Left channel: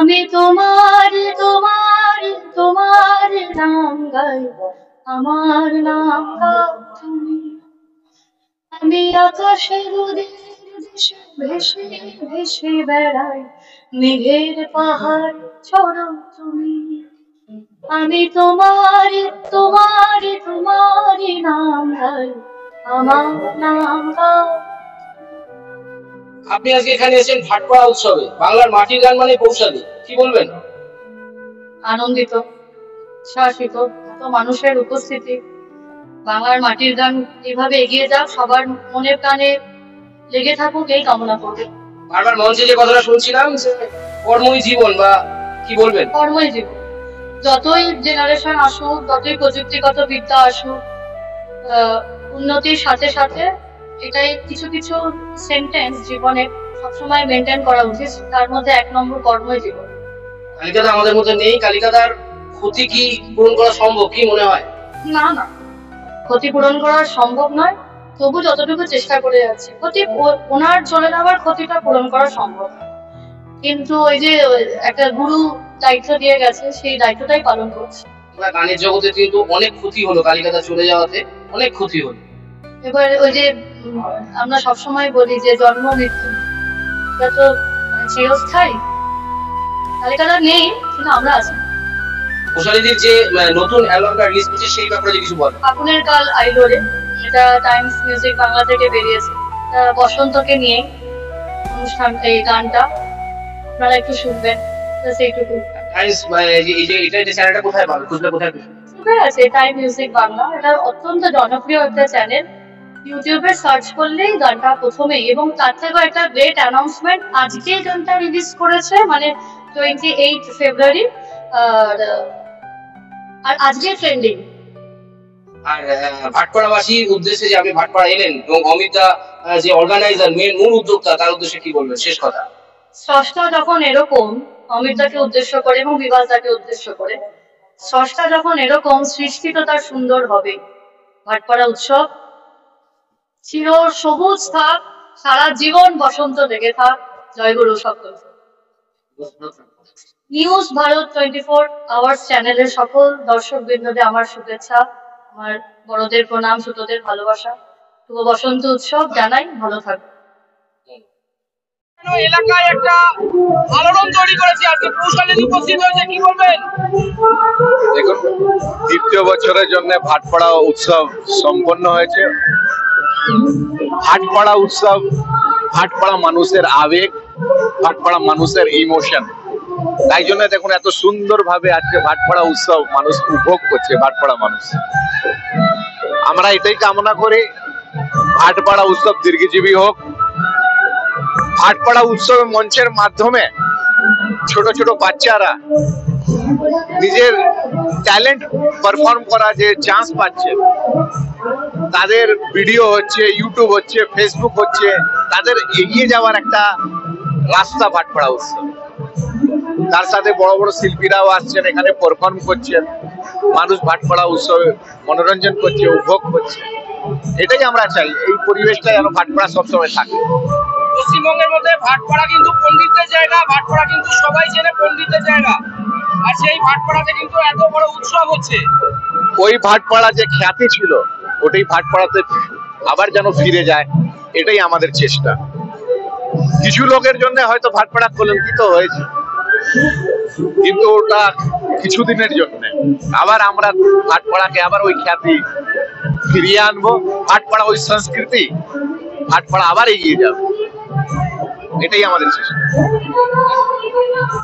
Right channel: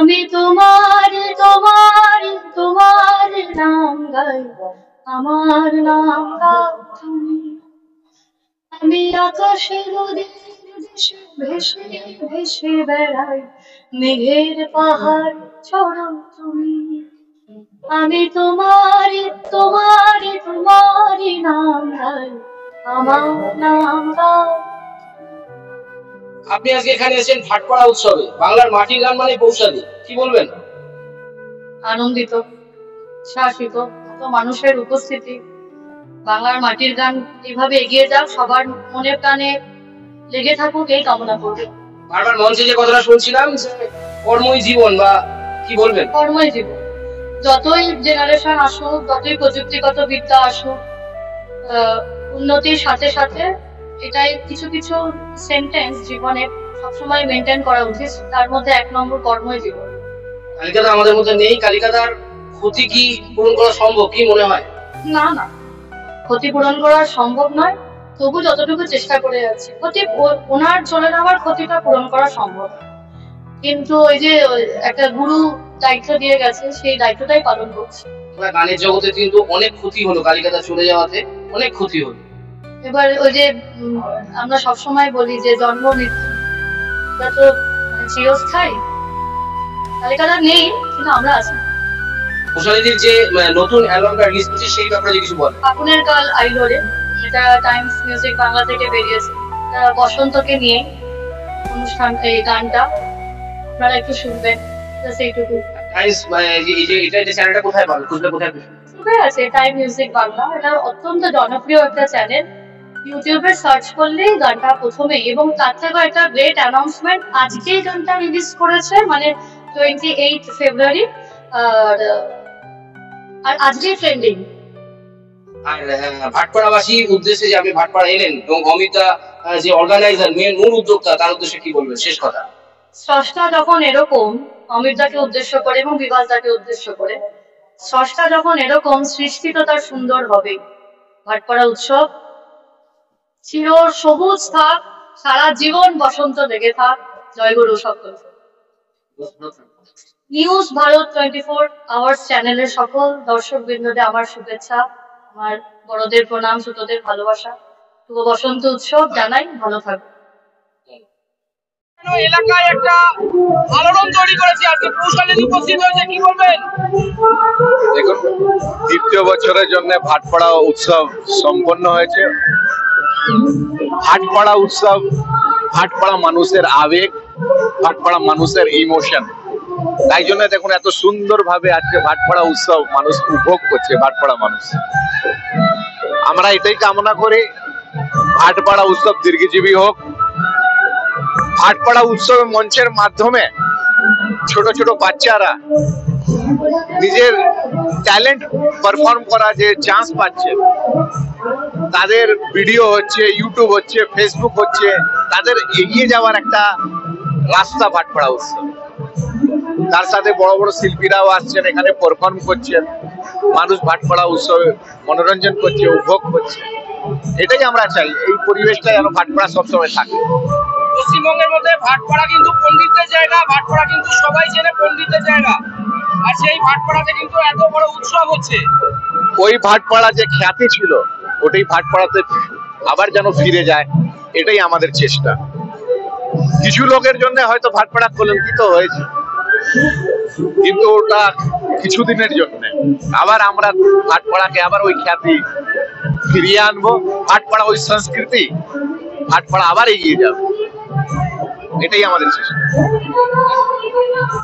আমি তোমার তোমার তোমার নাম গাই, আমার নাম গাও তুমি। আমি আকাশের ওদের দেশে ভেসে ভেসে বেড়াই, মেঘের পাহাড় চড়ো তুমি। আমি তোমার তোমার তোমার নাম গাই, আমার নাম গাও। আপনি আজকে এখানে এসেছেন ভাটপাড়া উৎসবে, বাংলার মাটির গান মানে বৌশালী, কি বলবেন? আনন্দিত, শাসিত, এত মানুষের উপস্থিতি, বাংলার মাটির গান এভাবে এগিয়ে যাক, সবার মনে প্রাণে লেগে থাকুক, এই কামনা করবে। বারবার মঞ্চে যে কথাটা শুনছিলাম যে কর্মই জীবন, বা কি বলবেন? কর্মই জীবন। যতই জেনারেশন আসুক, যতই প্রযুক্তিগত বিদ্যা আসুক, উন্নতির সাথে সাথে এটাই কিছু কিছু সেন্টেন্স জীবনে সবসময় মেনটেন করা উচিত। তার মধ্যে 1 নম্বর কর্মই জীবন। কালিকাদা আমাদের মধ্যে নেই, কালিকাদার ক্ষতি কি পূরণ করা সম্ভব, কি মনে হয়? না না, ক্ষতি পূরণ করা সম্ভব নয়, তবু যতটুকু চেষ্টা করে যাচ্ছে, ক্ষতি ওনার চলে যাওয়ার ক্ষতিটা পূরণ করা সম্ভব। কিন্তু ওই যে একটা গুরু দায়িত্ব দিয়ে গেছে, সেই দায়িত্বটাই পালন করছে। গানের জগতে কিন্তু অনেক ক্ষতি হলো, কালিকাদা চলে যাওয়াতে অনেক ক্ষতি হলো। এবার ওই যে আমরা সবসময় বলি যে জন্ম মৃত্যু এটা তো চিরস্থায়ী, কালিকাদা নেই কিন্তু আমরা আছি। বৌশালীদের যে নতুন অ্যালবামটা রিলিজ হচ্ছে সেই ব্যাপারে কিছু বলেন। ফাগুনের কাল আইলো রে, এটা টাইমস মিউজিক বাংলা থেকে বেরিয়েছে। বসন্তকে নিয়ে অনুষ্ঠান, এই গানটা আপনারা একটু শুনবেন, সেইটুকু। টাইমস এটা চ্যানেলটা কোথায় পাবে, খুঁজলে কোথায় আছে? টাইম মিউজিক বাংলা, এটা অত্যন্ত জনপ্রিয় একটা চ্যানেল। ইউটিউবে সার্চ করলেই গানটা প্রথমে, এবং তার থেকেও একটা গ্রেট অ্যানাউন্সমেন্ট, আজকে গানটা রিলিজ করেছে, মানে 28 ফেব্রুয়ারি, আর আজকে ট্রেন্ডিং। আর ভাটপাড়াবাসীর উদ্দেশ্যে যে আপনি ভাটপাড়া এলেন, এবং অমিতা যে অর্গানাইজার, মূল উদ্যোক্তা, তার উদ্দেশ্যে কি বলবেন শেষ কথা? স্রষ্টা যখন এরকম, অমিতাকে উদ্দেশ্য করে এবং বিভাসদাকে উদ্দেশ্য করে, স্রষ্টা যখন এরকম, সৃষ্টি তো তার সুন্দর হবে। ভাটপাড়া উৎসব চির সবুজ থাক, সারা জীবন বসন্ত লেগে থাক। জয়গুরু সকল। নিউজ ভারত 24 আওয়ার্স চ্যানেলের সকল দর্শক বৃন্দদের আমার শুভেচ্ছা, আমার বড়দের প্রণাম, ছোটদের ভালোবাসা। শুভ বসন্ত উৎসব জানাই, ভালো থাকবে। এলাকায় একটা আলোড়ন তৈরি করেছে, আজকে বৌশালী উপস্থিত হয়েছে, কি বলবেন? দেখুন, দ্বিতীয় বছরের জন্য ভাটপাড়া উৎসব সম্পন্ন হয়েছে। ভাটপাড়া উৎসব ভাটপাড়া মানুষের আবেগ, ভাটপাড়া মানুষের ইমোশন। তাই জন্য দেখুন এত সুন্দর ভাবে আজকে ভাটপাড়া উৎসব মানুষ উপভোগ করছে। ভাটপাড়া মানুষ, আমরা এটাই কামনা করি, ভাটপাড়া উৎসব দীর্ঘজীবী হোক। ভাটপাড়া উৎসব মঞ্চের মাধ্যমে ছোট ছোট বাচ্চারা নিজের ট্যালেন্ট পারফর্ম করা যে চান্স পাচ্ছে, তাদের ভিডিও হচ্ছে, ইউটিউব হচ্ছে, ফেসবুক হচ্ছে, তাদের এগিয়ে যাওয়ার একটা রাস্তা ভাটপাড়া উৎসব। তার সাথে বড় বড় শিল্পীরাও আসছেন, এখানে পারফর্ম করছেন, মানুষ ভাটপাড়া উৎসবে মনোরঞ্জন করছে, উপভোগ করছে। এটাই আমরা চাই, এই পরিবেশটা যেন ভাটপাড়া সবসময় থাকে। পশ্চিমবঙ্গের মধ্যে ভাটপাড়া কিন্তু পণ্ডিতের জায়গা, ভাটপাড়া কিন্তু সবাই চেনে পণ্ডিতের জায়গা, আর সেই ভাটপাড়াতে কিন্তু এত বড় উৎসব হচ্ছে। ওই ভাটপাড়া যে খ্যাতি ছিল, ওটাই ভাটপাড়াতে আবার যেন ফিরে যায়, এটাই আমাদের চেষ্টা। কিছু লোকের জন্য হয়তো ভাটপাড়া কলঙ্কিত হয়েছে, কিন্তু ওটা কিছুদিনের জন্য। আবার আমরা ভাটপাড়াকে আবার ওই খ্যাতি ফিরিয়ে আনবো, ভাটপাড়া ওই সংস্কৃতি, ভাটপাড়া আবার এগিয়ে যাবে, এটাই আমাদের চেষ্টা।